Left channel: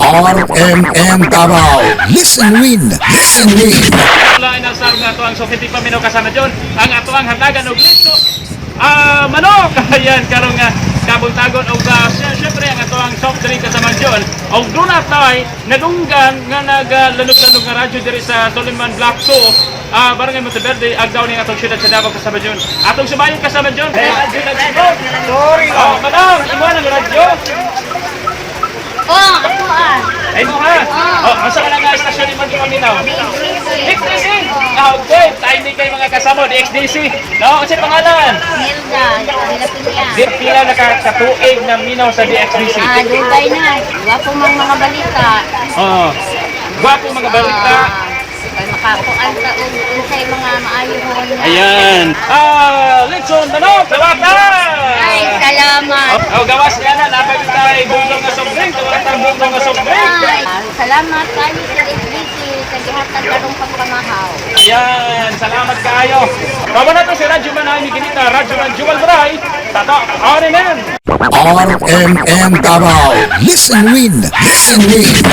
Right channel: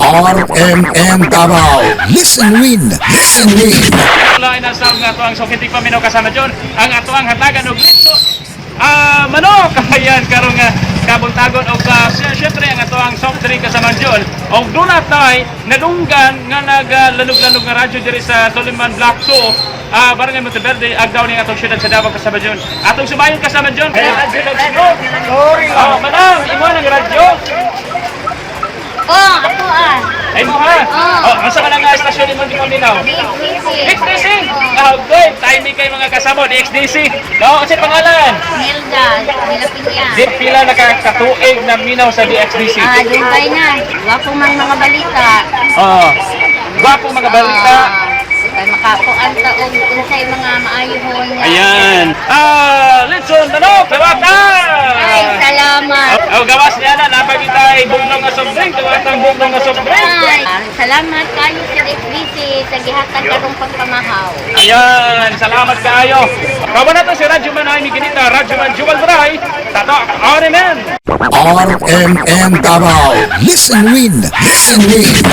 RMN Davao. Listen win. Listen win. Wala inasal nga ito ang sukitik paminaw kasama dyan. Ang ato ang hatagan o grito. Manok! Ayan, karong kabuntagon o siyempre ang ato ang soft drink kasama dyan. O doon tayo, nadunggan nga naglanog-lanog nga radyo diri sa Soliman Block 2. Barangay Monteverde, agdaw ni atong syudad sa Davao kasama dyan. Atong sumayon kasama dyan. Hey, radyo nagsinog. Manang, iwan ang radyo. Oh, ako ah. Ay mo ha? Asa ka lang nga estasyon ni Mga Paminaw? XDC! Okay, timing kay mga kasama di XDC. No, kasi pangalan? Nilda, Pilapinya. Di pila nakakatuig na minaw sa DXDC. Dubai na. Wapo mang mga balita. Oo. Gwapo mga balita. Kaya makakuan ka o unsay mga maayo mo. Ayan. Litson, ano? Kawata! Ay, salamat. Gawas niya na, napagin tayo bunglong nga soft drink. Kawatang bunglong nga soft drink. Ay, salamat kayo sa SBC sa gihatag karong pagpamahaw. Ayan, salamat kayo. Kawa na to si Radyo Manay Miginita, Radyo Man Jubal Bray, Tato, RMN. RMN Davao. Listen win. Listen win.